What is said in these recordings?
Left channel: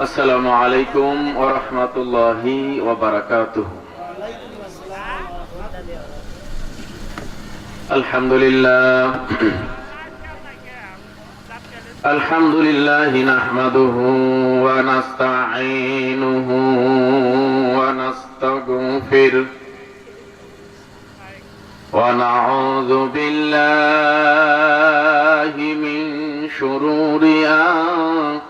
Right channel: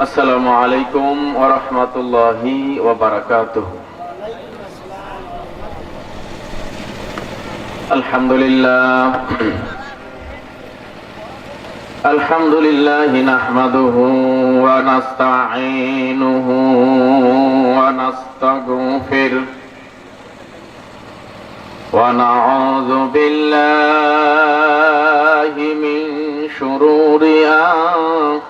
السلام عليكم ورحمة الله وبركاته الحمد لله الحمد لله نحمده ونستعينه ونستغفره ونعوذ بالله من شرور أنفسنا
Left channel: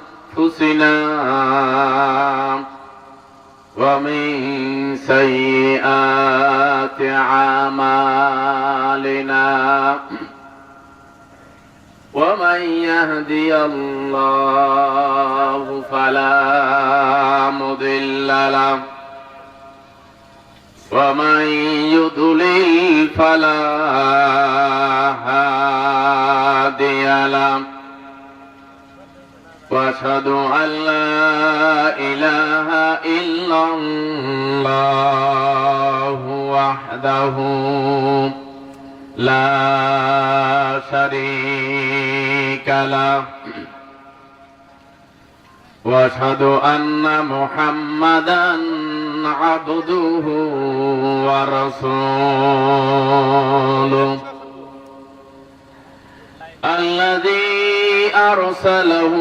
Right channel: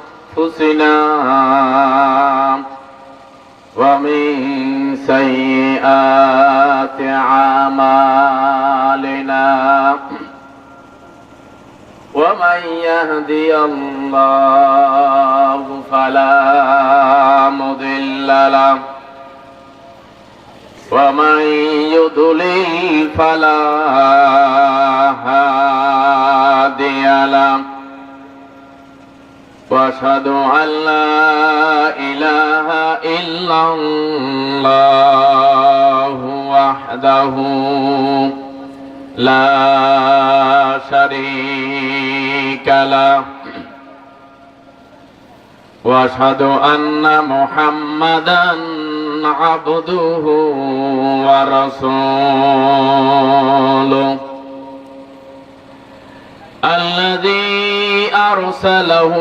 ومن سيئات أعمالنا ومن يهدي الله فلا مضل له ومن يضلل فلا لا اله الا الله وحده لا شريك له واشهد ان محمدا عبده ورسوله الذي أرسله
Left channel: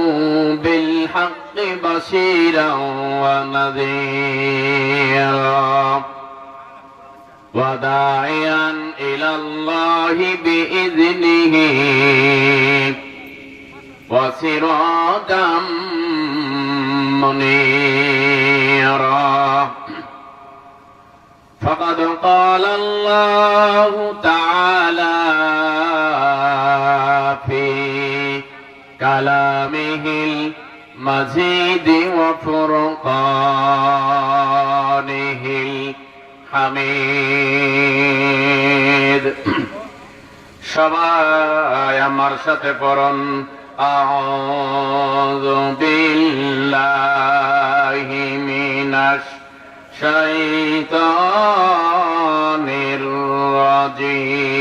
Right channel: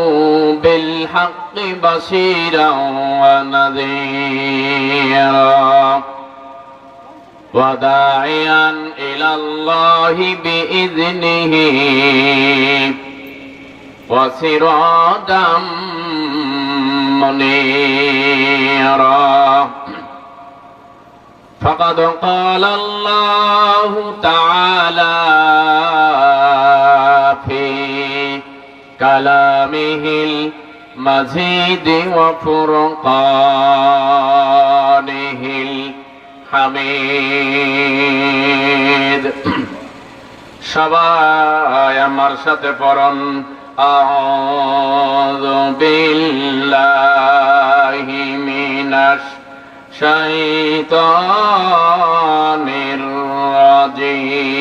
بالحق بشيرا ونذيرا وداعيا إلى الله بإذنه وسراجا منيرا. فقد قال الله تعالى كلامه المزيد وفرقانه الحميد সবাই আমার সাথে পড়ন أعوذ بالله من الشيطان الرجيم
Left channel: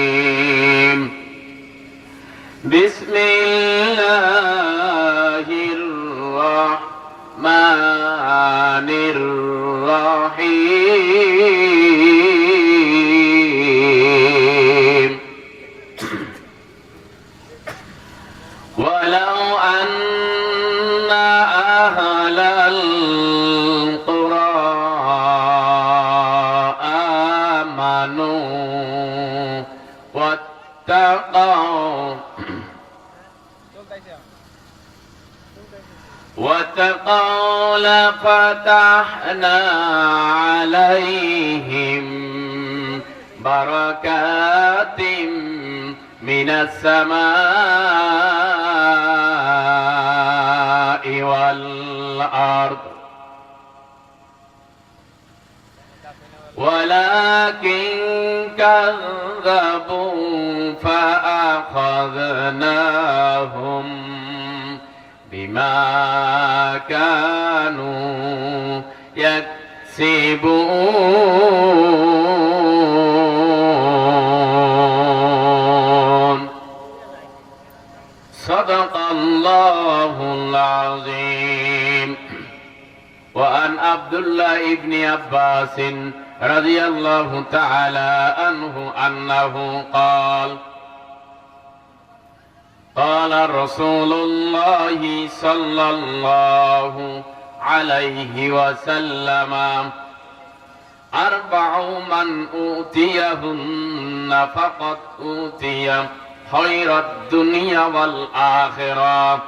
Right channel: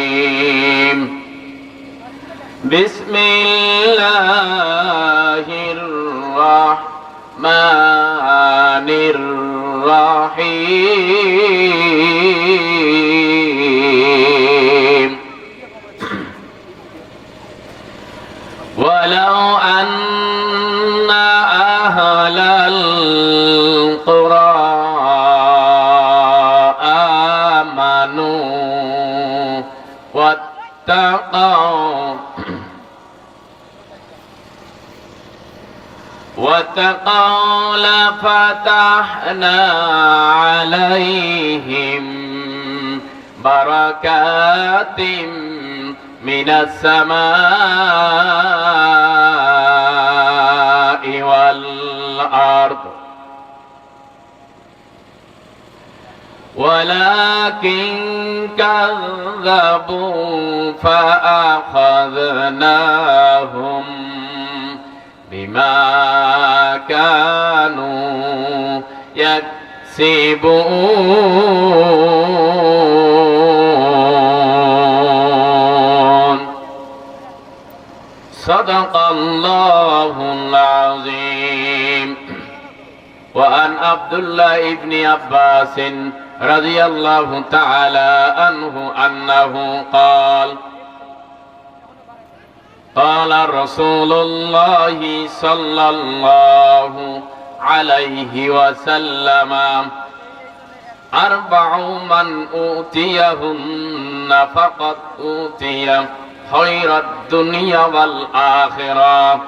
لفتحنا عليهم بركات من السماء والأرض. ولكن كذبوا فأخذناهم بما كانوا يكسبون صدق الله العظيم وأن عبد الله بن عباس رضي الله تعالى عنه أنه قال قال رسول الله صلى الله عليه وسلم أربع من أوتيهن فقد أوتي خير الدنيا والآخرة.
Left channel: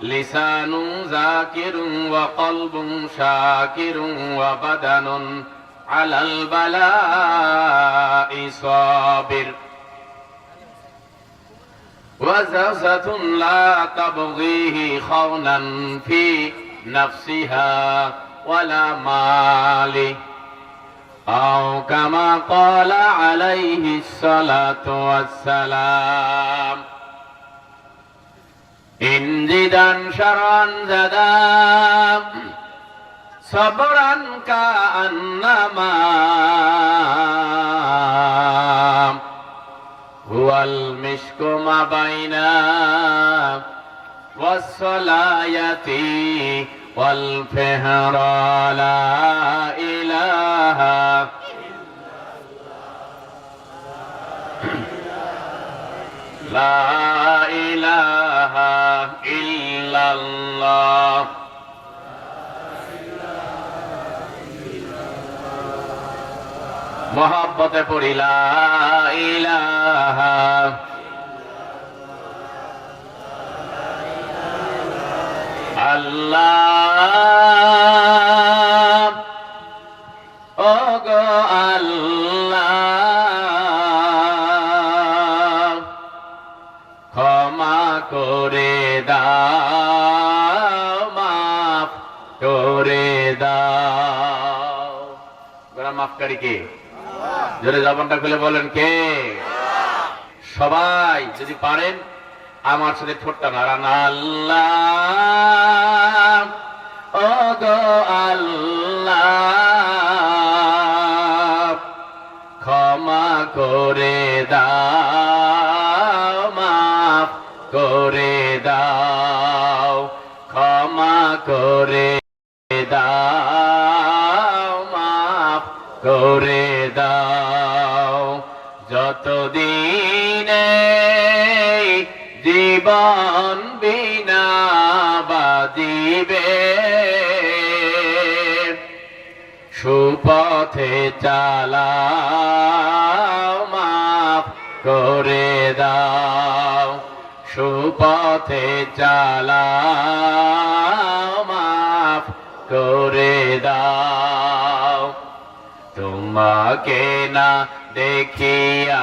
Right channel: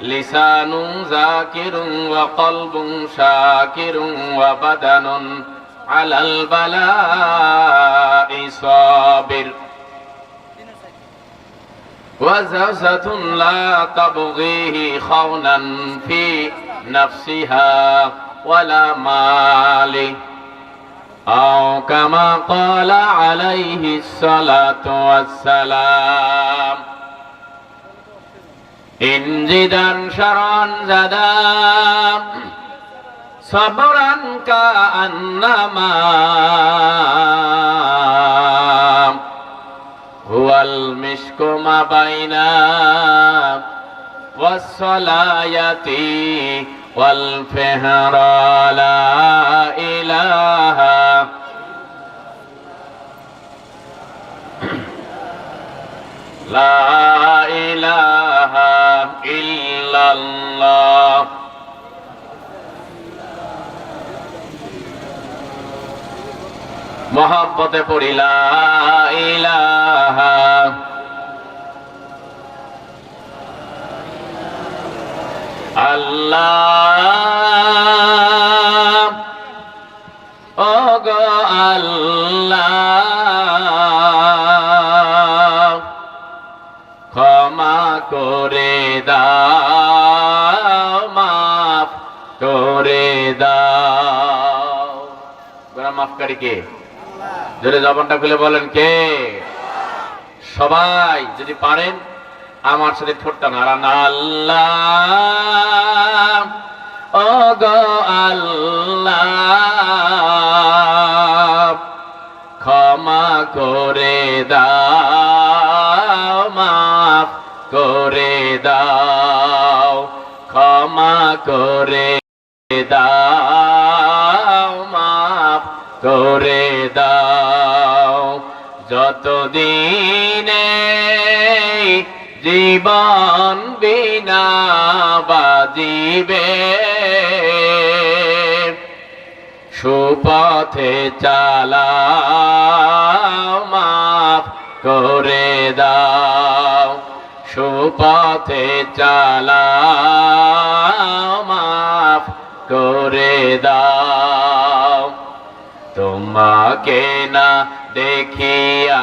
لسان ذاكر وقلب شاكر وبدن على البلاء صابر. وزوجة لا تبغيه خونا في نفسها ولا مال أو كما قال عليه الصلاة والسلام إن زدا شرا زدا صبرا كأنما هو المشك ما بين والصلاة والفهر لا إله لا إله إلا الله محبت پوری لا إله আল্লাহ। ও গো আল্লাহ, ক্ষমা করে দাও, মাফ করে দাও। গোরা মাফকারী কে? জোরে জবানটা খুলে বলেন কে? সবাই, যদি পারেন আমার সাথে ঠোঁটটা নাড়ান। আল্লাহ ও গো আল্লাহ, ক্ষমা করে দাও, মাফ করে দাও, ক্ষমা করে দাও, মাফ করে দাও। যতদিনে জীবন বিনা বাজিবে। সুপথে চালাও, মাফ করে দাও। সুপথে চালাও, মাফ করে দাও। তোমাকে না দেখিয়া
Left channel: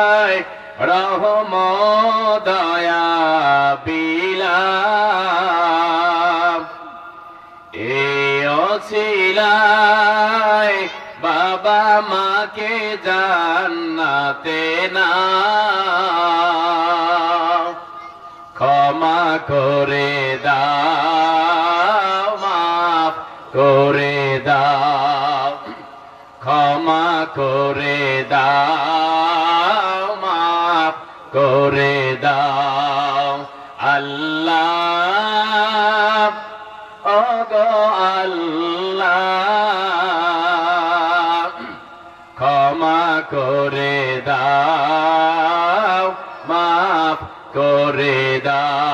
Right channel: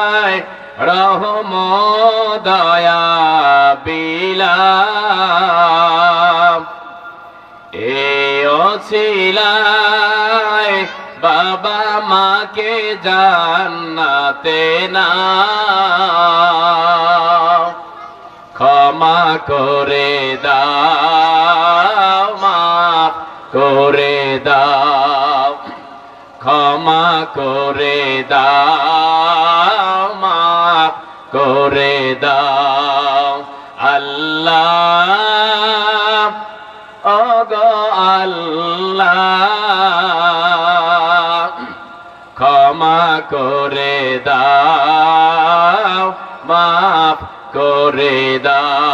মাকে জান্নাতে না। ক্ষমা করে দাও, মাফ করে দাও, ক্ষমা করে দাও, মাফ করে দাও। করে দাও মাফ করে দাও।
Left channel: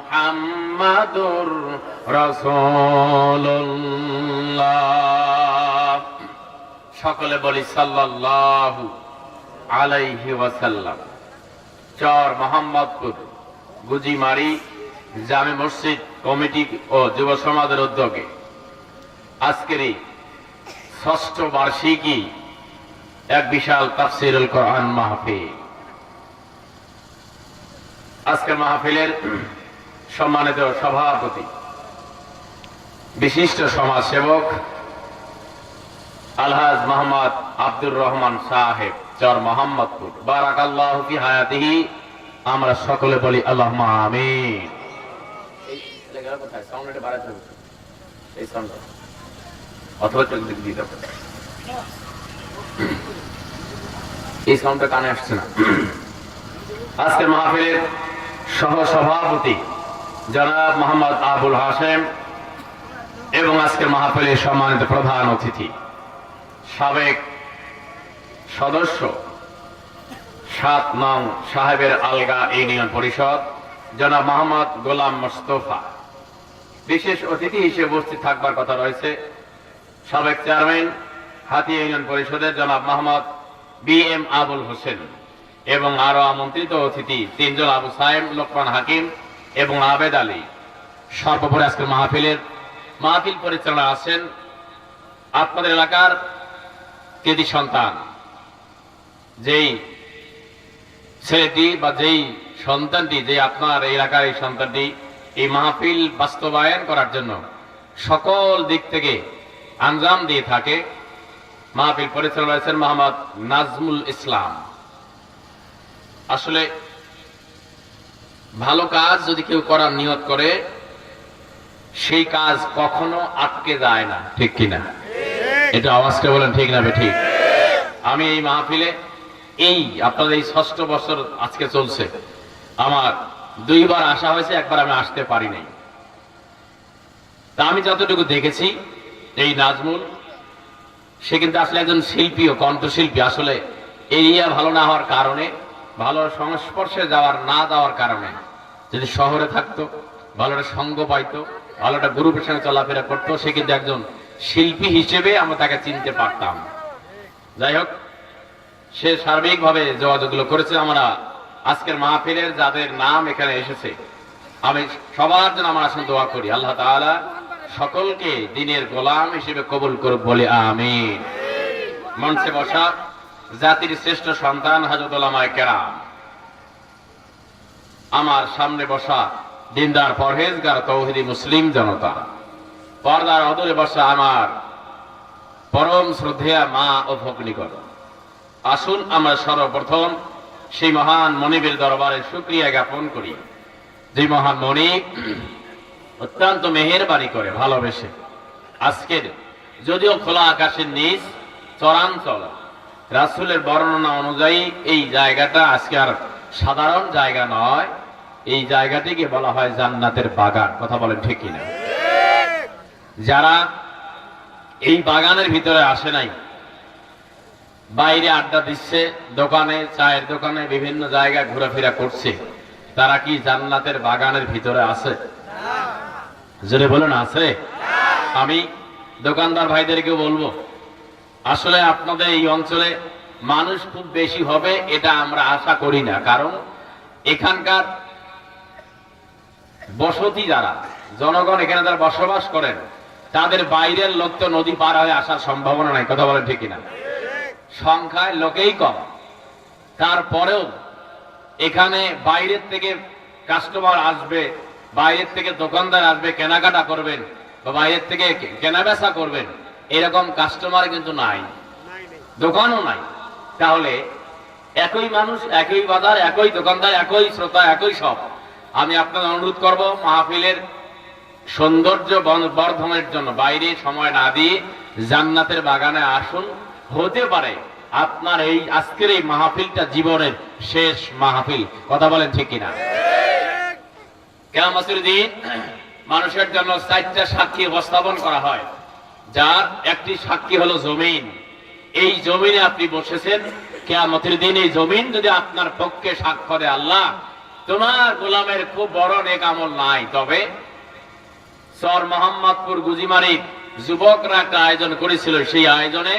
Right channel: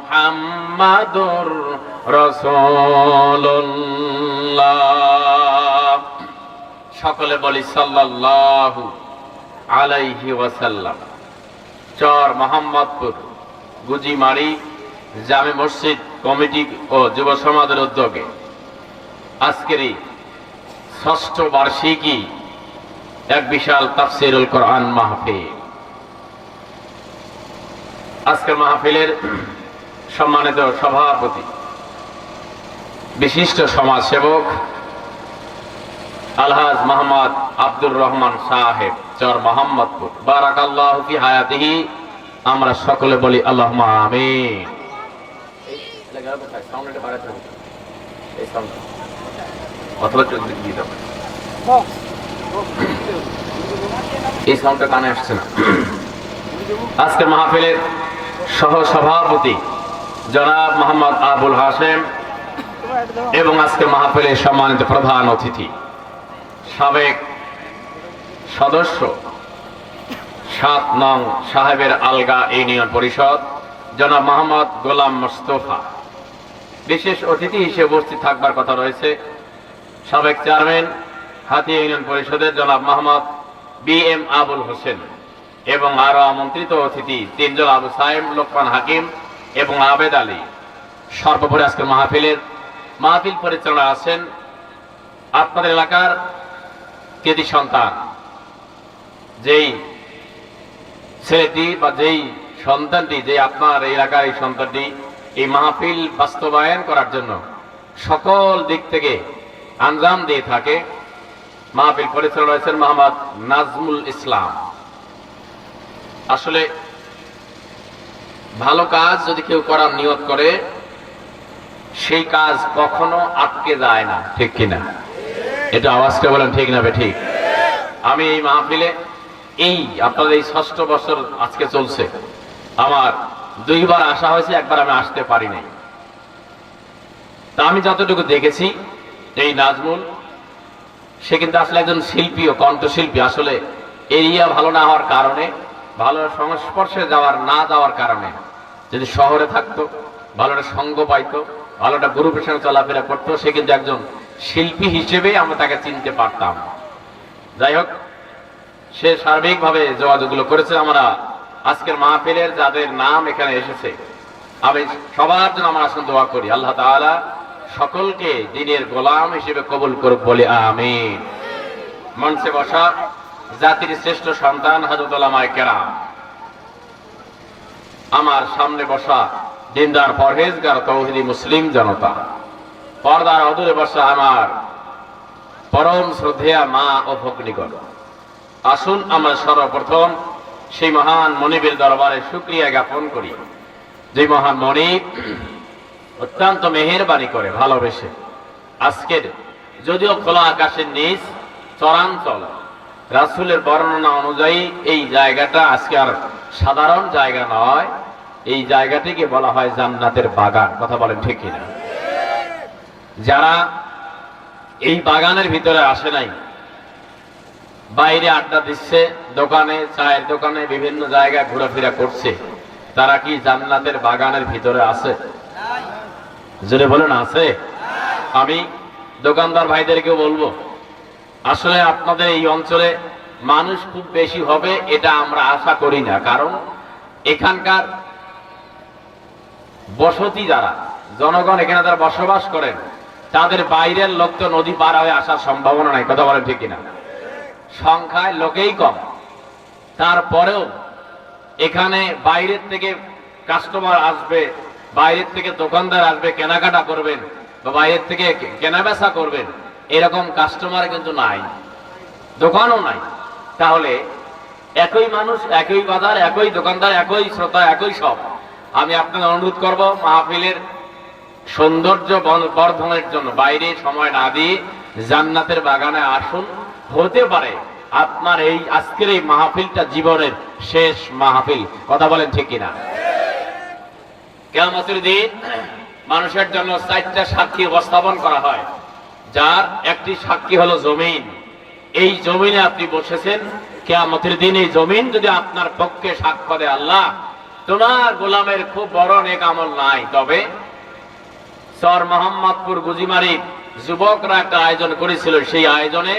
মোহাম্মদুর রসল্লাহ সকলে বলি সাল্লাল্লাহু আলাইহি ওয়াসাল্লাম। চর মোহাম্মদপুর, গুজিমারি, জামে মসজিদ, কমিটি ও যুব সমাজের উদ্যোগে। আজকের এই ষষ্ঠ বার্ষিকী এক বিশাল তাফসিরুল কোরআন মাহফিল। আজকের মাহফিলের সম্মানিত সভাপতি, বিশিষ্ট সমাজসেবক, আলহাজ মোহাম্মদ আব্দুর রহমান সাহেব, চর মোহাম্মদপুর বারাকাল্লাহ ফি হায়াতিহি, আমরা সকলে বলি আল্লাহ আমিন। এই সাউন্ডটা কানে আসছে না আজকের মাহফিলের সহ সভাপতি জনাব মোহাম্মদ আবুল হাসেম এবং আজকের মাহফিলের সম্মানিত প্রধান অতিথি, সাবেক সদস্য সাত নং সাহেবের আলগা ইউনিয়ন পরিষদ, জনাব মোহাম্মদ গোলাম মোস্তফা। বিশেষ অতিথি হিসেবে উপস্থিত থাকবার কথা রয়েছে। সাবেক চেয়ারম্যান হাতিয়া ইউনিয়ন পরিষদের জনাব মোহাম্মদ বি এম আবুল হোসেন এবং আরও আমন্ত্রিত অতিথি তিনজন আবু সাহেব লোকমান হাকিম এবং আবেদ আলী। সর্বোপরি আজকের মাহফিলের মাহফিল পরিচালনা আছেন আপনাদের এলাকার কেদি সন্তান। যেই ছেলেটি বা যেই সন্তানটি, যে আপনার এই এলাকার এই সন্তানটি এই মাহফিল বাস্তবায়ন করার জন্য সকল দিক থেকে আঞ্জাম দিয়ে থাকে, মাহফিল পরিচালনা রয়েছেন মোহাম্মদ নাজমুল ইসলাম। আসলে ভালো কাজ যদি কেউ করার নিয়ত করে, সেই কাজ কখনো আটকে যায় না, ঠিক কিনা? এটা আওয়াজটা বলেন, ঠিক না ঠিক। আমি এই মাহফিলে, এই আপনাদের এই ষষ্ঠ বছর আজকে চলছে। আমার দুইবার আসা হয়েছে, একবার আমি আসতে পারি নাই। তা আমি যতটুকু দেখেছি, এই নাজমুল, সে কিন্তু আসলে একজন শিল্পী ও কণ্ঠশিল্পী। আসলে এরিয়া ভালো না হওয়ার কারণে ভালো সংস্পর্শে যাওয়ার, না যাওয়ার কারণে। যদি শহরে থাকতো ভালো একটা সঙ্গ পাইতো ভালো একটা গ্রুপের সঙ্গে চলাফেরা করতো, সে কিন্তু একজন শিল্পী হিসেবে আমরা তাকে চিনতে পারতাম। যাই হোক, সে সার্বিকভাবে যোগাযোগগুলো করেছে। আমরা আজকের মাহফিলের যাদের নাম এখানে এসেছে, আমি সবার জন্য আমার আসন দোয়া করি। আল্লাহ তাআলা সকলকে দিনের গোলাম হিসেবে কবুল করুক বলে আমি মঞ্চে বসা জাতির শ্রেষ্ঠ সন্তান হজরত ওলামায়ে কেরাম। আমার সামনে বসা দিনদার পরহেজগার তৌহিদি মুসলিম জনতা, পর্দার অদূরে বসা আমার পরম শ্রদ্ধেয়া মা ও ভগ্নিকর আসুন আমরা সর্বপ্রথম সেই মহান মনিবের দরবারে শুক্রিয়া জ্ঞাপন করি, যে মহান মনিব অত্যন্ত মেহেরবানি করে, ভালোবেসে। আজকের যদিও খোলা আকাশের নিচ চরাঞ্চল রাসুলের বর্ণনা অনুযায়ী এই জায়গাটা আজকে আর সাধারণ জায়গা নয়। এই জায়গাটিকে বলা হয় জান্নাতের বাগান। কথা বলেন ঠিকই না যারা এই বাগানের ভিতরে আসে নাই, বাইরে আড্ডা দিচ্ছে, দোকানে, চায়ের দোকানে, বিভিন্ন জায়গায় ঘোরাফেরা করছে, তারা কি জান্নাতের বাগানের ভিতরে আছে? বলুন, আছে? আমি দোকানদার ভাইদেরকে বলব আসলে আপনাদের এই অঞ্চলে মানুষ খুব বেশি হবে, এটা আমরা আশা করি না। কারণ এখানকার বসতি যারা, জনগণ এখানে যারা বসবাস করেন, তাদের বাইরের লোক তো নদী পার হয়ে আসার সম্ভাবনা নাই, কথা বলেন ঠিক না সংখ্যায় লোকেই কম। তারপরেও এখানে বাইরের থেকে কাস্টমার আসবে, বাইরের থেকে দোকানদার আসবে, কেনাকাটা করবেন, বা বাইরের থেকে কেনাবেচা করবেন এরকম কাস্টমার কিন্তু নাই। দোকানও নাই। তাহলে একই মানুষ, একই বাজার, একই দোকানদার, একই শ্রোতা, একই সব। আমি আপনাদের অনুরোধ করব, মাহফিলের সৌন্দর্য বর্ধনের জন্য বাইরে সময় না দিয়ে জান্নাতের বাগানে আসুন। হতে পারে আপনার এই আজকের এই মাহফিলটা জীবনের শেষ মাহফিল। কথা বলেন ঠিক কিনা? কেমন দিন মানুষের জন্য চারটা সাক্ষী উপস্থাপন করা হয়। যার একটি সাক্ষী হলো জমিন। এই জমিনে আপনি বসেছেন, কেয়ামতের দিন এই জমিন যদি আপনার পক্ষে সাক্ষ্য দেয় আল্লাহ, তোমার গোলামের খুব বড় নেক আমল নাই। তবে সর মোহাম্মদপুর গুজিমারি যুবকরা একটা আয়োজন করেছিল। সেই আয়োজনে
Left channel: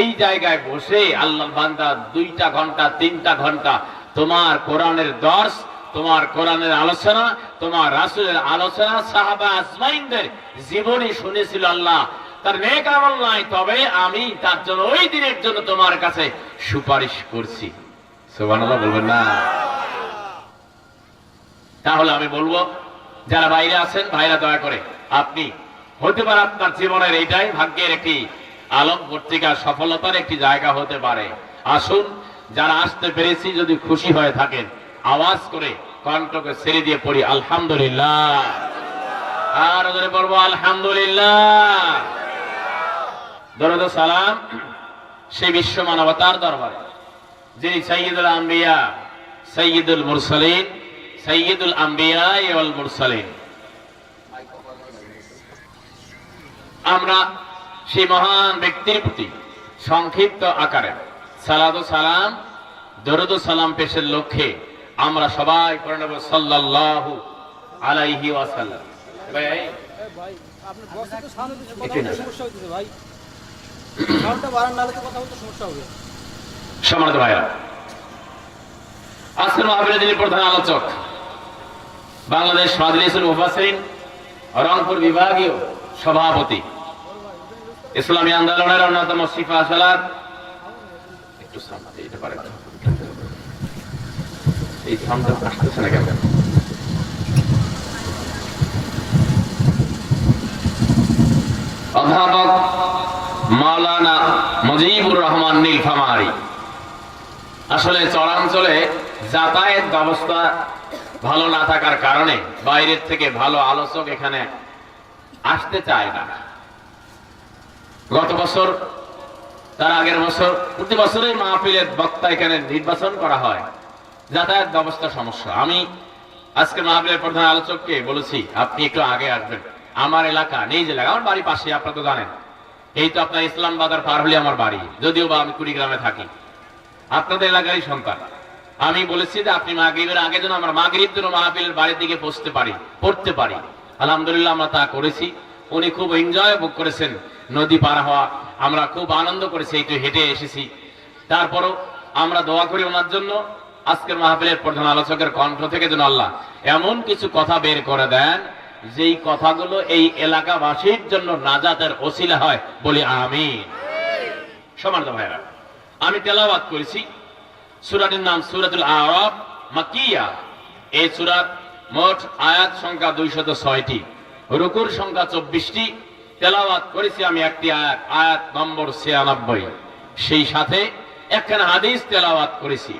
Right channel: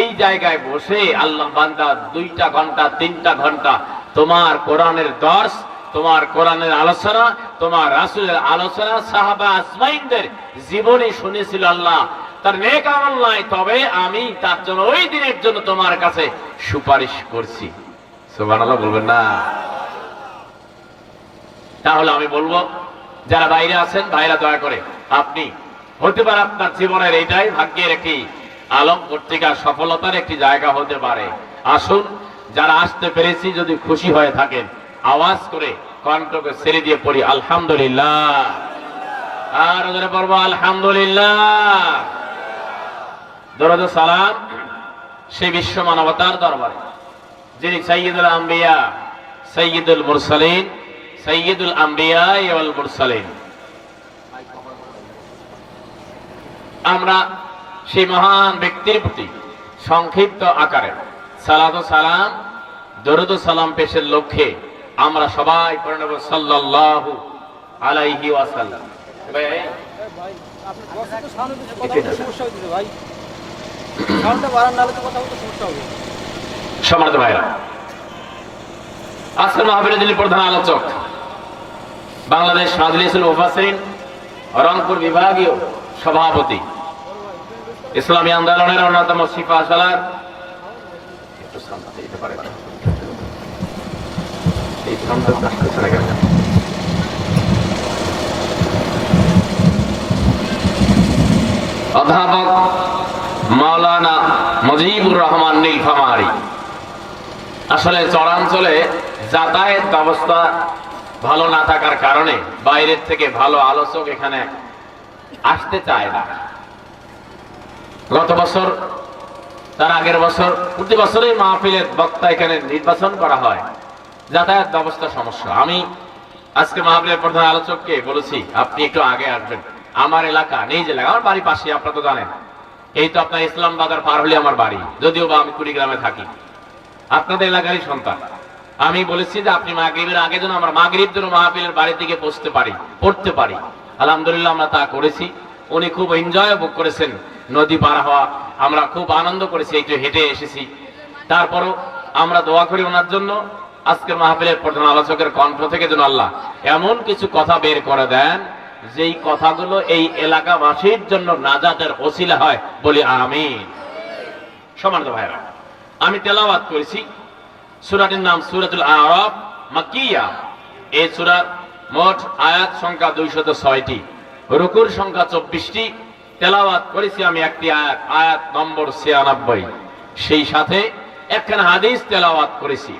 এই জায়গায় বসে আল্লাহ বান্দা দুইটা ঘণ্টা, তিনটা ঘণ্টা তোমার কোরআনের দর্শ, তোমার কোরআনের আলোচনা, তোমার রাসুলের আলোচনা, সাহাবা আসমাইনদের জীবনী শুনেছিল আল্লাহ। তার নেক আমল নাই, তবে আমি তার জন্য ওই দিনের জন্য তোমার কাছে সুপারিশ করছি। সুবহানাল্লাহ, বলবেন না। তাহলে আমি বলব, যারা বাইরে আছেন, ভাইরা দয়া করে, আপনি হতে পারে আপনার জীবনের এইটাই ভাগ্যের একটি আলম, পত্রিকার সফলতার একটি জায়গা হতে পারে। আসুন, যারা আসতে পেরেছি, যদি খুশি হয়ে থাকেন, আওয়াজ করে কণ্ঠকে ছেড়ে দিয়ে পড়ি, আলহামদুলিল্লাহ। আর পড়ব আলহামদুলিল্লাহ। দরদ সালাম সেই বিশ্ব মানবতার দরবারে যিনি সৈয়দুল আম্বিয়া সৈয়দুল মুরসালিন সৈয়দুল আম্বিয়া ওয়াল মুরসালিন। আমরা সেই মহান ব্যক্তির প্রতি সংক্ষিপ্ত আকারে সালাদ সালাম দরুদ সালাম পেশের লক্ষ্যে আমরা সবাই করে নেব সাল্লাল্লাহু আলাইহি ওয়াসাল্লাম। ভাই, সম্মানিত ভাইরা, আজকের মাহবিলে যিনি প্রধান আলোচক, বাংলাদেশ মাজলিসুল মুফাসসিরিন, রংপুর বিভাগীয় সভাপতি। ইসলামী আন্দোলনের অন্যতম সিফা সালার একটু? অধ্যাপক মাওলানা মুজিবুর রহমান নীলফামারী। আসলে চরাঞ্চলে যাতায়াত ব্যবস্থা ভালো না থাকার কারণে বাইরের থেকে ভালো আলোচক এখানে আসতে চায় না। গত বছর, তার আগের বছর, প্রতি বছরই মাহফিলের বক্তা এখানে নির্বাচন করা হয়। যাতায়াত ব্যবস্থা সমস্যা। আমি আজকে মাহফিলের প্রধান আলোচককে বলেছি, আপনি একটু আগে আসবেন। আমার এলাকা যে এলাকা, আমার বাড়ি পাশে আপনারা তো জানেন। এই তো আপনার ইসলাম বাজার পার হলে আমার বাড়ি। যদিও বা আমি কুড়িগ্রামে থাকি। আপনাদের এলাকারই সন্তান। আমি বলেছি যে আপনি মাগরিবের আগে যেন আমরা মাগরিব যেন মাহাবিলের বাড়ি থেকে বসতে পারি, পড়তে পারি। আলহামদুলিল্লাহ আমরা তা করেছি। উনি খুব এনজয় ভোগ করেছেন। নদী পার হওয়া, আমরা খুব আনন্দ করেছি, এই তো হেঁটে এসেছি। তারপরও আমরা দোয়া করি ওনার জন্য। আজকের মাহফিলের প্রধান আলোচকের কণ্ঠ থেকে যেন আল্লাহ এমন কিছু কথা বের করে দেন যেই কথাগুলো এই এলাকাবাসীর জন্য নাজাতের ওসিলা হয়, বলি আমিন। সমান্ত ভাইরা আমি তেলাওয়াত করেছি সুরাটির নাম সুরাতুল আরব মাকিয়া। এই সুরার মোট আয়াত সংখ্যা দুইশত ছয়টি, রুকুর সংখ্যা চব্বিশটি। তেলাওয়াত করেছি আমি একটি আয়াত আয়াত নম্বর ছিয়ানব্বই। সেই সাথে একখানা হাদিস তেলাওয়াত করেছি।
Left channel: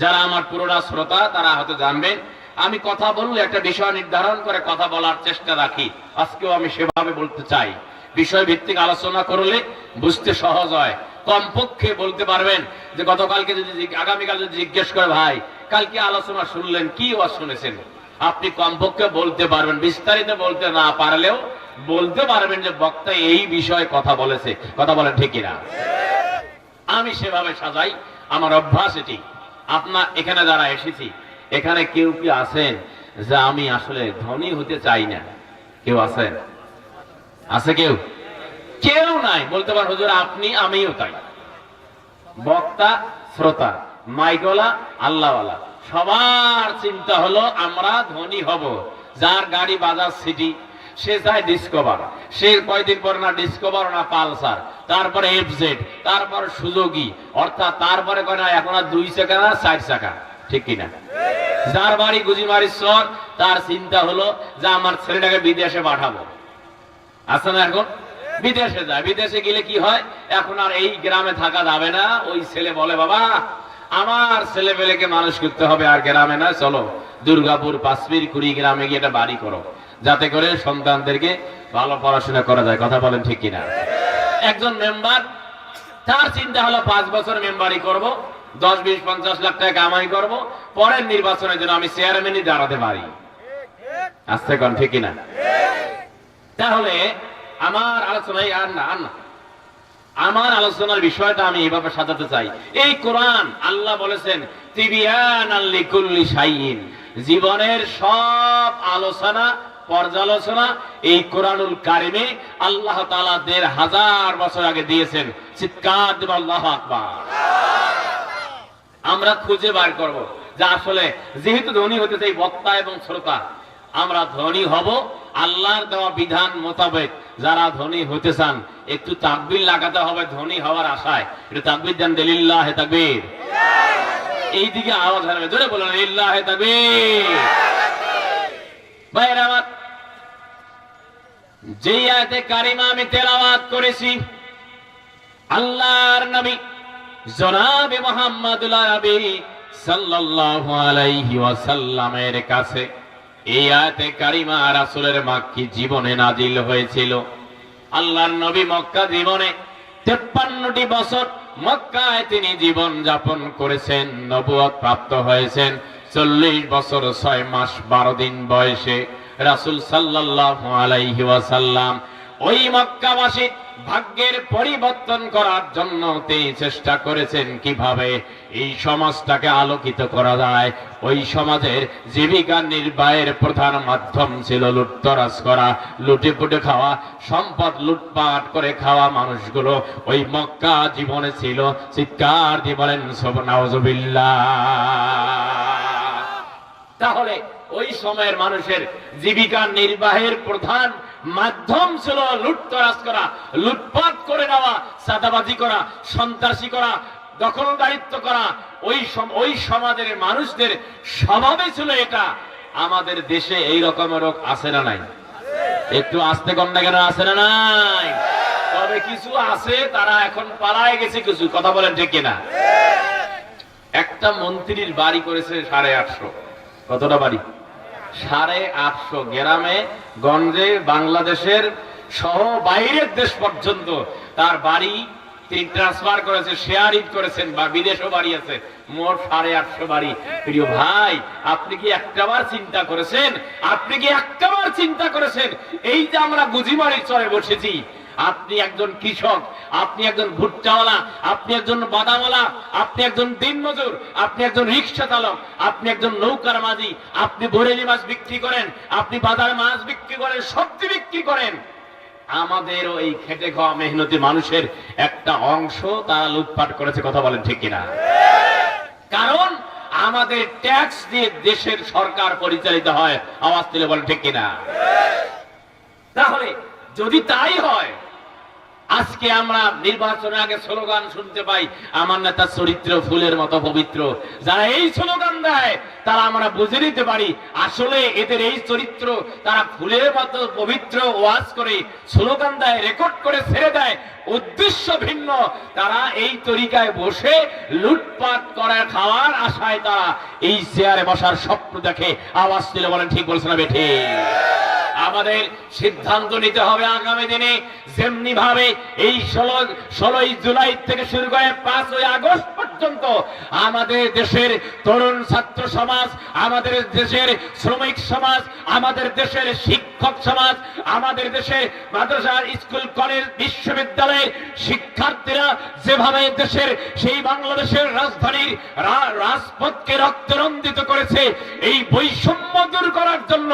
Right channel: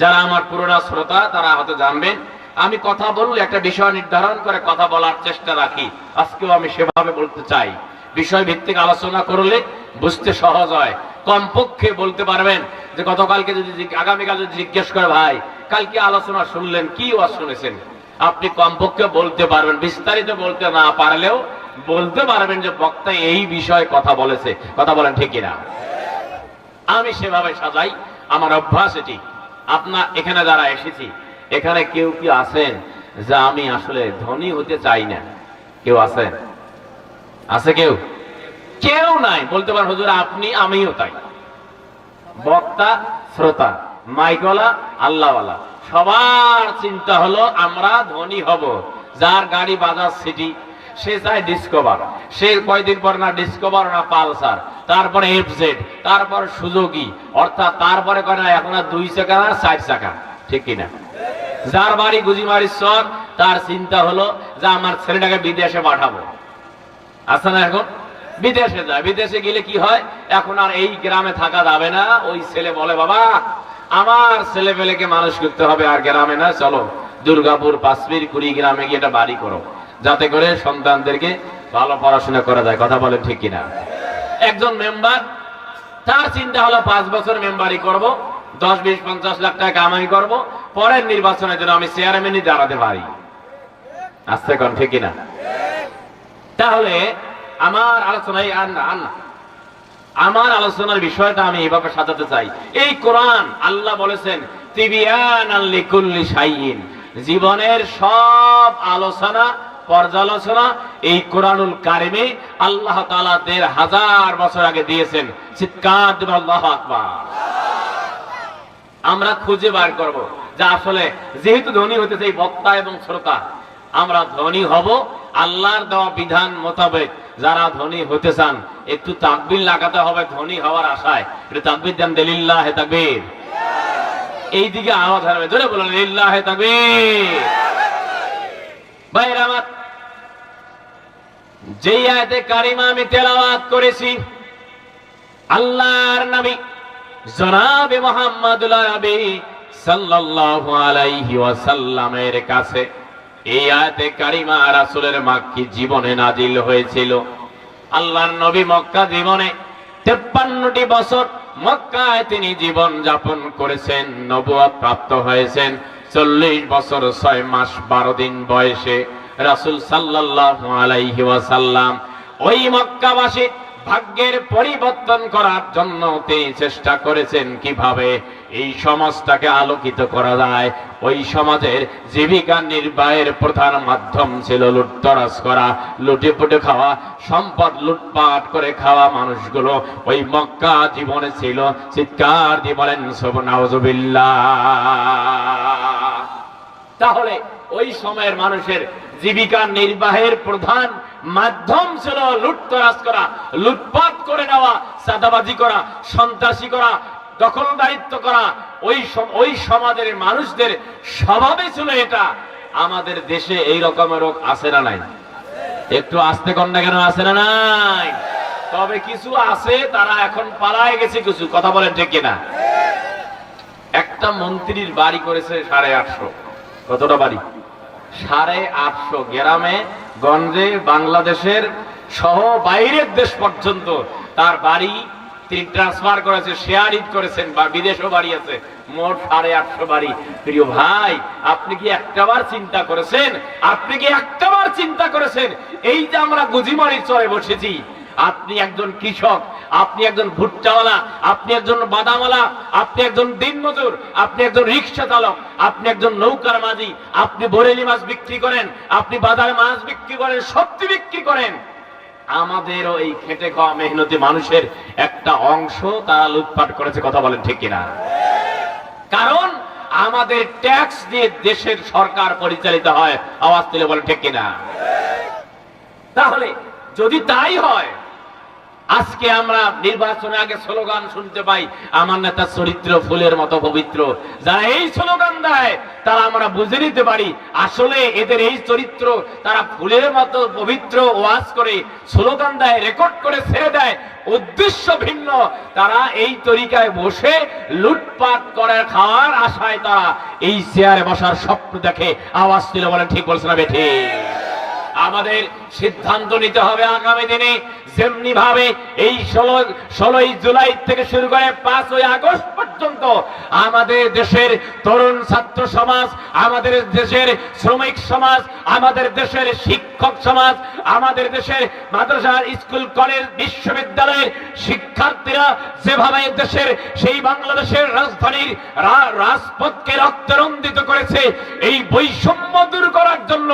যারা আমার পুরোনা শ্রোতা, তারা হয়তো জানবেন আমি কথা বললে একটা বিষয় নির্ধারণ করে কথা বলার চেষ্টা রাখি। আজকেও আমি সেভাবে বলতে চাই। বিষয় ভিত্তিক আলোচনা করলে বুঝতে সহজ হয়। কমপক্ষে বলতে পারবেন যে, গতকালকে যদি আগামীকাল যদি জিজ্ঞেস করে, ভাই, কালকে আলোচনা শুনলেন, কি ওয়াজ শুনেছেন? আপনি কমপক্ষে বলতে পারবেন, বিস্তারিত বলতে না পারলেও বলতে পারবেন যে, বক্তা এই বিষয়ে কথা বলেছে। কথা বলেন ঠিক কিনা? আমি সেভাবে সাজাই। আমার অভ্যাস এটি। আপনার, এখানে যারা এসেছি এখানে কেউ কি আছেন যে আমি আসলে ধনী হতে চাই না? কেউ আছেন? আছে কেউ? কেউ নাই। বলতে পারেন, হুজুর, আপনি, আমিও তাই। বক্তা, শ্রোতা মাইকলা আল্লাহওয়ালা। সবার চিন্তা হলো, আমরা ধনী হব। যার গাড়ি বাজার সিটি, সে চায় ডিসকভার। সে কয়দিন পর না ডিসকভার, না পালসার। তারপরে এফজেড তারপর সুযোগী অর্থাৎ তারপরে করে এখন আর দুই চাকা না, চার চাকা। ঠিক কিনা? যার বাড়ি গুজিমারির চর তার চিন্তা হলো যে আমার ছেলেটাকে বিদেশে পাঠাবো। আছে না এখন? বিদেশে যায়। বিদেশে গেলে কি হয়? এখন আর এই গ্রামে থাকা যাবে না। ওই ছেলে বলে, বাবা, আমার ছেলে পেলেকে মানুষ করতে হবে আর গ্রামে না চলো। দুর্গাপুর পাঁচমির কুড়ি গ্রামে গিয়ে একটা বাড়ি করো। যাতে করে সন্তানদেরকে ভালো পড়াশোনা করা যায়। কথা বলেন ঠিক কিনা? একজন মেম্বার, তার চিন্তা হলো পাঁচ বছর মেম্বারি করব। দশ, বিশ, পঞ্চাশ লাখ টাকা কামাই করব। পরের নির্বাচনের জন্য আমি চেয়ারম্যানই দাঁড়াতে পারি। আসতে কন, ঠিক কিনা? তাহলে আমার আলোচনায় আর না আর না। আমার আলোচনার বিষয়টা আমি এভাবে সাজাতে চাই। এই কোরআন আল্লাহ বলেছেন, তিবিয়ান জীবনের সব আলোচনা, পর্যালোচনা এই কোরআনুল কারিমে আল্লাহ তাআলা দেড় হাজার বছর আগে দিয়েছেন। চিৎকার আল্লাহ আকবার। আমরা খুঁজে বার করব। যে আসলে যেহেতু ধনী হতে চাই বক্তা এবং শ্রোতা, আমরা ধনী হব আল্লাহর দেওয়া বিধান মোতাবেক। যারা ধনী হতে চান, একটু তাকবির লাগাতে হবে ধনী হওয়ার আশায়। একটু তাকবির দেন লিল্লাহ তাকবীর। এই দিকে আওয়াজ হারবে। জোরে বলেন, লিল্লাহ তাকবীর। ভাইরা আমার যে আয়াতে কারিমা আমি তেলাওয়াত করেছি, আল্লাহর নবী জনাবে মোহাম্মদুল্লাহ নবী সাল্লাল্লাহু আলাইহি ওয়াসাল্লামের কাছে এই আয়াতে কারিমা রাসূলের মাক্কি জীবনে নাজিল হয়েছিল। আল্লাহর নবী মক্কা জীবনে তেপ্পান্নটি বছর মক্কায় তিনি জীবন যাপন করেছেন নবুয়ত প্রাপ্ত হয়েছেন। চল্লিশ বছর ছয় মাস বারো দিন বয়সে রাসূল সাল্লাল্লাহু আলাইহি ওয়াসাল্লাম ওই মক্কাবাসী ভাগ্যের পরিবর্তন করার জন্য তিনি চেষ্টা করেছেন কীভাবে? এই সমাজটাকে আলোকিত করা যায়। ওই সমাজের জীবিকা নির্বাহের প্রধান মাধ্যম ছিল লুটতরাজ করা লুটে পুটে খাওয়া, সম্পদ লুটপাট করে খাওয়া মানুষগুলো। ওই মক্কা জীবনে ছিল। চিৎকার দিয়ে বলেন সব নাউজুবিল্লাহ তাহলে ওই সময়ের মানুষের জীবিকা নির্বাহের প্রধান মাধ্যম ছিল লুটতরাজ করা, লুটপাট করে নেওয়া সাদাবাজি করা, সন্ত্রাসী করা, দখলদারিত্ব করা। ওই ওই সমাজের মানুষদের স্বভাবে ছিল এটা। আমাদের দেশে এই রকমের রোগ আছে না নাই? একটু আসতে কম না কেন আছে না নাই? তবে কিছু আছে, তারা এখন পালায় গেছে কিছু। কথা বলেন ঠিক কিনা? একটা মন্ত্রীর বাড়ি করেছে সাড়ে আটশো। কতটা বাড়ি? সাড়ে আটশো গ্রামে গঞ্জে বাংলাদেশের সহ বাইরের দেশ পর্যন্ত তার বাড়ি তিনি ট্রান্সফার করেছে শেয়ার ইট করেছেন বা বিদেশও বাড়ি আছে। মোট সাড়ে আটশো বাড়ি। প্রিয় ভাই, আপনি কি একটাবার চিন্তা করেছেন? আপনি কি একটাবার চিন্তা করেছেন? এই যে আমরা গুজিমারির চরে বসেছি আপনি একজন কৃষক, আপনি একজন ভুট্টাওয়ালা, আপনি একজন বাদামওয়ালা, আপনি একজন দিনমজুর, আপনি একজন রিক্সা চালক, আপনি একজন নৌকার মাঝি, আপনি বরেলি মাছ বিক্রি করেন, আপনি বাজার মাছ বিক্রি করেন, সবজি বিক্রি করেন। আমাদেরও এই খেটে খাওয়া মেহনতি মানুষের একটা অংশ তারা লুটপাট করেছে, কথা বলেন ঠিক কিনা? কারণ আমাদের ট্যাক্স দিয়ে দেশের সরকার পরিচালিত হয়, আওয়াজ তুলে বলেন ঠিক কিনা? তাহলে যদি তাই হয় আজকে আমরা নির্বাচনের আগে স্লোগান শুনতে পাই, আমার নেতা চরিত্র ফুলের মতো পবিত্র। যারা এই স্লোগান দেয়, তারা আমরা বুঝে নিতে পারি, আসলে এদের এই চরিত্র তারা ফুলের মতো পবিত্র ওয়াজ করে, স্লোগান দেয়, রেকর্ড করে, ছেড়ে দেয়, উদ্দেশ্য ভিন্ন। তারা এই তরিকায় বসে লুটপাট করে, খাওয়ার আশায় তারা এই চেয়ারে বসার স্বপ্ন দেখে আওয়াজ তুলে বলেন, ঠিক বলছে না বেঠে? আমাদের সিদ্ধান্ত নিতে হবে আগামী দিনে। যেমনি ভাবে এই ষোলো, ষোলোই জুলাই থেকে শুরু করে পাঁচই আগস্ট পর্যন্ত আমাদের দেশের তরুণ ছাত্র সমাজ, আমাদের দেশের শ্রমিক সমাজ, আমাদের দেশের শিক্ষক সমাজ, আমাদের দেশের মাদ্রাসা, স্কুল, কলেজ, বিশ্ববিদ্যালয়ের শিক্ষার্থীরা যেভাবে দেশের সেই বাংলাদেশের রাজধানীর রাজপথকে রক্তরঞ্জিত করেছে, এই বৈষম্য দূর করার জন্য,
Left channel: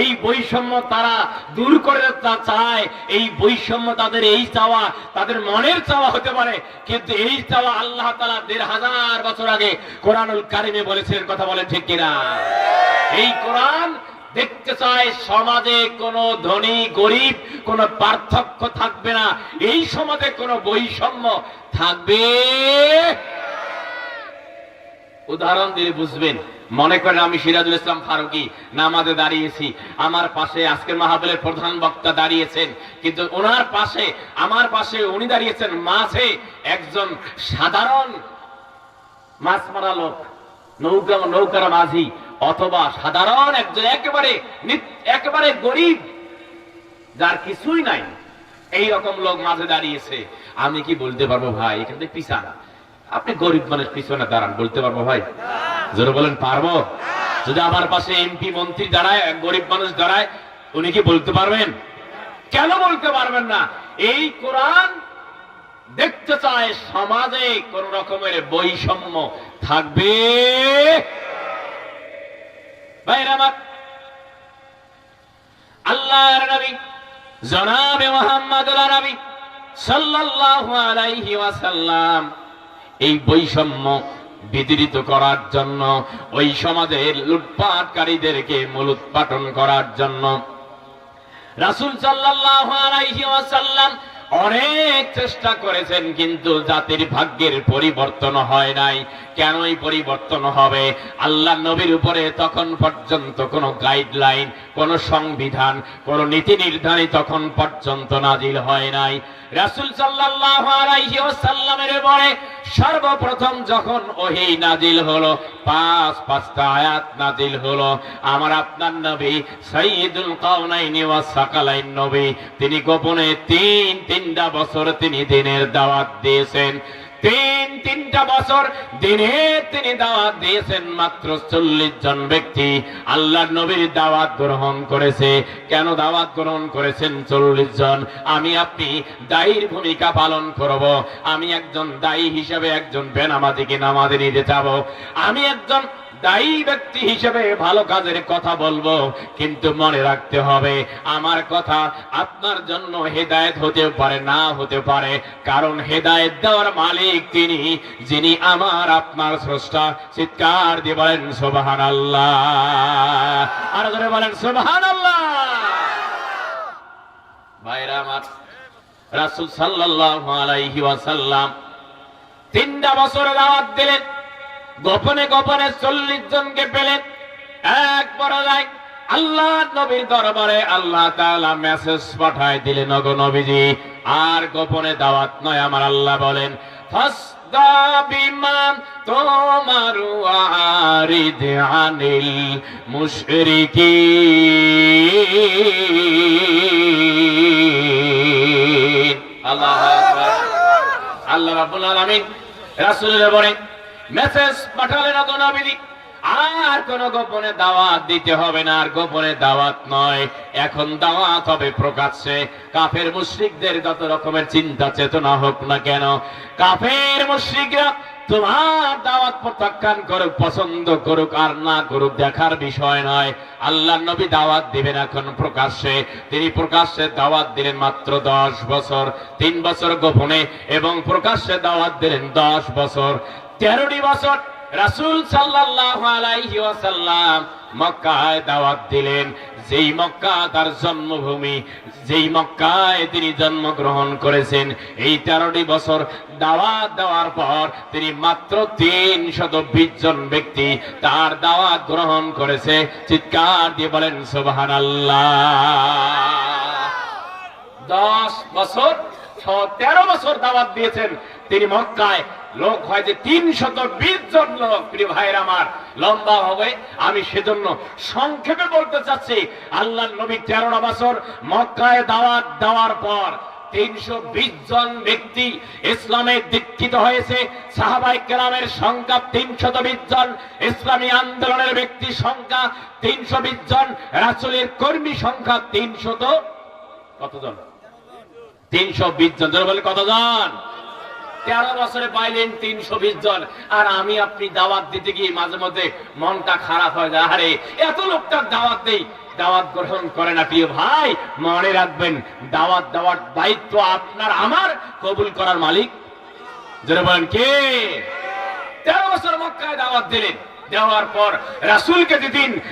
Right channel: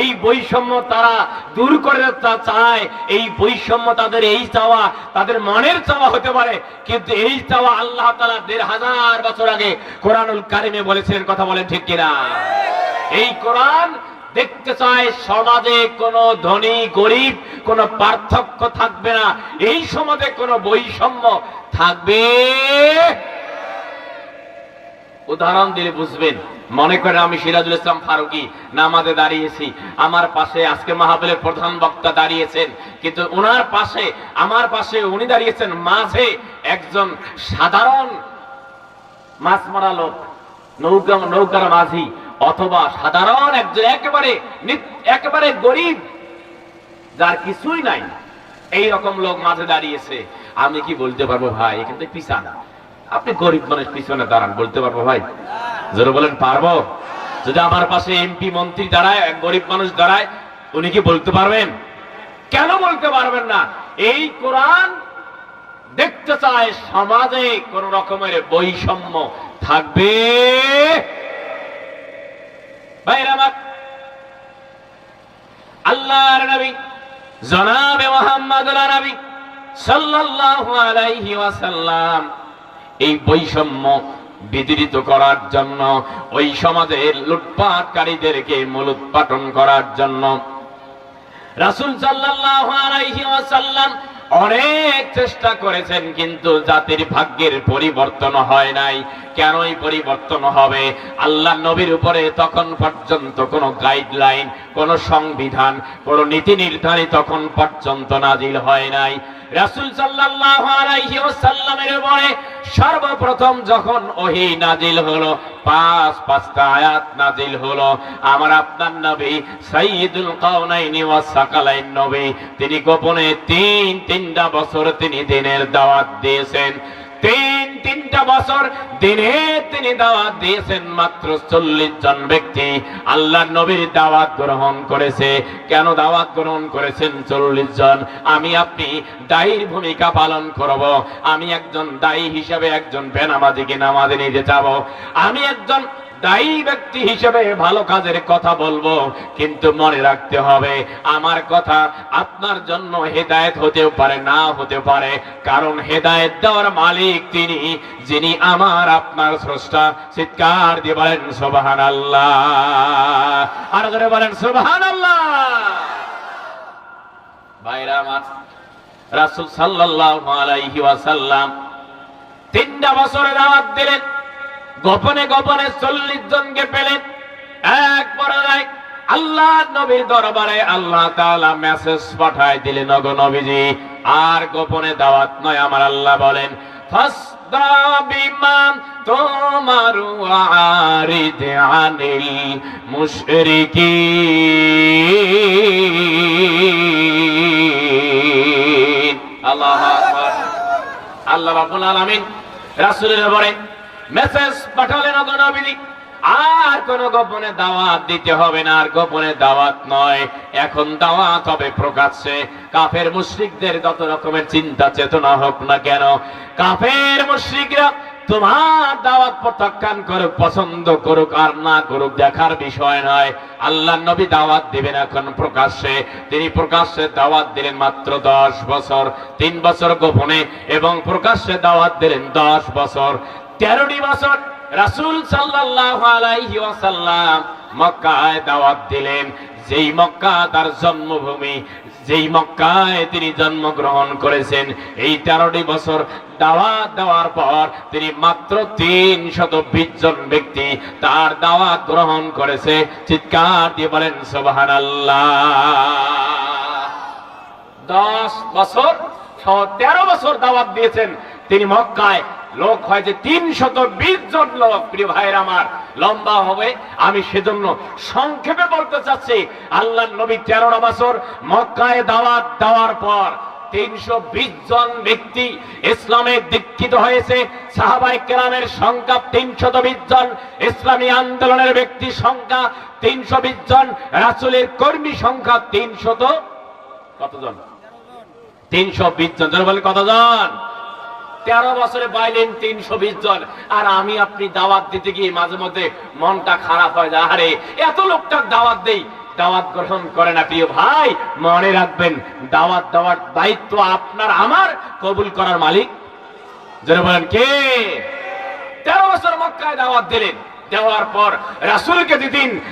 এই বৈষম্য তারা দূর করে চায়। এই বৈষম্য তাদের এই চাওয়া, তাদের মনের চাওয়া হতে পারে। কিন্তু এই চাওয়া আল্লাহ তালা দেড় হাজার বছর আগে কোরআনুল কারিমে বলেছেন কথা বলেন ঠিক কিনা? এই কোরআন দেখতে চায় সমাজে কোনো ধনী, গরিব, কোনো পার্থক্য থাকবে না। এই সমাজে কোনো বৈষম্য থাকবে? উদাহরণ দিলে বুঝবেন। মনে করেন আমি সিরাজুল ইসলাম ফারুকি নামাজে দাঁড়িয়েছি। আমার পাশে আজকে মাহাবিলের প্রধান বক্তা দাঁড়িয়েছেন। কিন্তু ওনার পাশে, আমার পাশে উনি দাঁড়িয়েছেন মাঝে একজন সাধারণ মাছ মারা লোক, নৌকা, নৌকার মাঝি, অথবা সাধারণ একজন একেবারে একেবারে গরিব, যার কিছুই নাই। এই রকম লোক মাঝে দাঁড়িয়েছে। আমি কি বলতে পারব ভাই? এখান থেকে পিছানা। আপনি গরিব মানুষ পিছনে দাঁড়ান, বলতে পারব ভাই? জোরে বলেন, পারব? যদি আমার পাশে এমপি, মন্ত্রী দাঁড়ায় এক গরিব মানুষ দাঁড়ায়, উনি কি বলতে পারবেন? কেন বলতে পারবেন না? এই কোরআন দেখতে চায় সমাজে কোন রকমের বৈষম্য থাকবে? আল্লাহর নবী, জনাবে মোহাম্মদ নবী সাল্লাল্লাহু আলাইহি ওয়াসাল্লাম, এই বৈষম্য বিদরিত করার জন্য, ওই সমাজের লুটপাটকারীদেরকে মূলোৎপাটন করার জন্য। রাসুল সাল্লাম অনেক চেষ্টা করেছেন, কিন্তু জাতির ভাগ্যের পরিবর্তন হয় নাই। কেনই পরিবর্তন হবে? আল্লাহ নবীর উপরে তখন পর্যন্ত কোনো গাইডলাইন কোনো সংবিধান, কোনো নীতি নির্ধারণ তখন পর্যন্ত নাজিল হয় নাই। রাসূল ওয়াসাল্লামের উপরে সর্বপ্রথম যখন ওহি নাজিল হলো, পাঁচ পাঁচটা আয়াত নাজিল হলো, আমার আপনার নবী সাইয়্যিদুল কাউনাইনি ওয়াস সাকালাইন নবী, তিনি গোপনে তিন তিনটা বছর তিনি দিনের দাওয়াত দিয়েছেন। তিন, তিনটা বছর দিনে তিনি দাওয়াত দিয়েছেন মাত্র চল্লিশ জন ব্যক্তি। আল্লাহ নবীর দাওয়াত গ্রহণ করেছে। কেন দাওয়াত গ্রহণ করেছেন চল্লিশ জন? আমি আপনি দায়ীর ভূমিকা পালন করব। আমি একজন দায়ী হিসাবে একজন বেনামাজিকে নামাজে নিতে যাব। আমি একজন দায়ী ব্যক্তি হিসেবে ভালো কাজের কথা বলব, কিন্তু মনে রাখতে হবে, আমার কথা আপনার জন্য হেদায়েত হতেও পারে, না হতে পারে। কারণ হেদায়েত দেওয়ার মালিক তিনি, যিনি আমার, আপনার স্রষ্টা। চিৎকার দিয়ে বলেন সোবাহান আল্লাহ আর ধরে বলেন সোবাহান আল্লাহ ভাইরা আমার, রাসূল সাল্লাল্লাহু আলাইহি ওয়াসাল্লাম তিনটা বছরে দাওয়াত দিলেন। গোপনে গোপনে চল্লিশ জনকে পেলেন এক পরাজয়। আল্লাহ নবীর দরবারে আল্লাহ তাআলা মেসেজ পাঠায় দিলেন নগ নবীজি, আর গোপনে দাওয়াত নয়, আমার আল্লাহ বলেন বিমান তোমার আনিল মুশরিকিন। আল্লাহ আল্লাহ রাব্বুল আলামিন রাসূলের বলে মেসেজ পাঠালেন নবীজি আর কোন গোপনে দাওয়াত দিতে হবে না, আর গোপনে দাওয়াত নয়। এখন দাওয়াত হবে প্রকাশ্যে। কাফের মুশরিকদের যত রকমের চিন্তা চেতনা হোক না কেন, কাফের মুশরিকরা তোমার দাওয়াত প্রত্যাখ্যান করুক, পছন্দ করুক, আর না করুক, দেখার বিষয় নয়। আল্লাহ নবী দাওয়াত দিবেন এখন প্রকাশ্যে। তিনি প্রকাশ্যে দাওয়াত দিলেন মাত্র দশ বছর, তিন বছর গোপনে, এবং প্রকাশ্যে দাওয়াত দিলেন দশ বছর। তেরোটি বছর রাসূল ওয়াসাল্লাম মক্কায় দাওয়াত দিলেন। যেই মক্কা তার জন্মভূমি, যেই মক্কায় তিনি জন্মগ্রহণ করেছেন, এই তেরোটি বছর দাওয়াত দেওয়ার পর তিনি মাত্র তিন শত বিশ জন ব্যক্তি তার দাওয়াত গ্রহণ করেছে। চিৎকার দিয়ে বলেন সোবাহান দশ বছর তেরো বছর দাওয়াত দিয়েছেন। তিনি মক্কায় লোক হয়েছে তিন শত বিশ জন লোক, প্রিয় ভাইয়ের আমার, লম্বা হবে। আমি সেজন্য সংক্ষেপে বলতে চাচ্ছি, আল্লাহ নবী তেরোটা বছর মক্কায় দাওয়াত দেওয়ার পর তিনশো বিশ জন ব্যক্তি ইসলামে দীক্ষিত হয়েছে। সাহাবাই কেরামের সংখ্যা তিনশত বিশ জন, ইসলামী আন্দোলনের ব্যক্তি সংখ্যা তিনশো বিশ জন, রাসুলের কর্মী সংখ্যা তিনশত কতজন? তিনশো বিশ জন বলে কতজন? তেরো বছরে পাইলেন তিনশো বিশ জন। আর আমি আপনি দাওয়াত দিতে গিয়ে মাঝে মধ্যে মনটা খারাপ হয়ে যায়। আরে, এত লোকটার দাওয়াত দেই। দাওয়াত গ্রহণ করে না, প্রিয় ভাই, মনে রাখবেন, দাওয়াত দেওয়ার দায়িত্ব আপনার, আমার কবুল করার মালিক। যারা বলেন, কে? তেরো বছর মক্কায় দাওয়াত দিলেন। দেওয়ার পর রাসুলকে দিদিন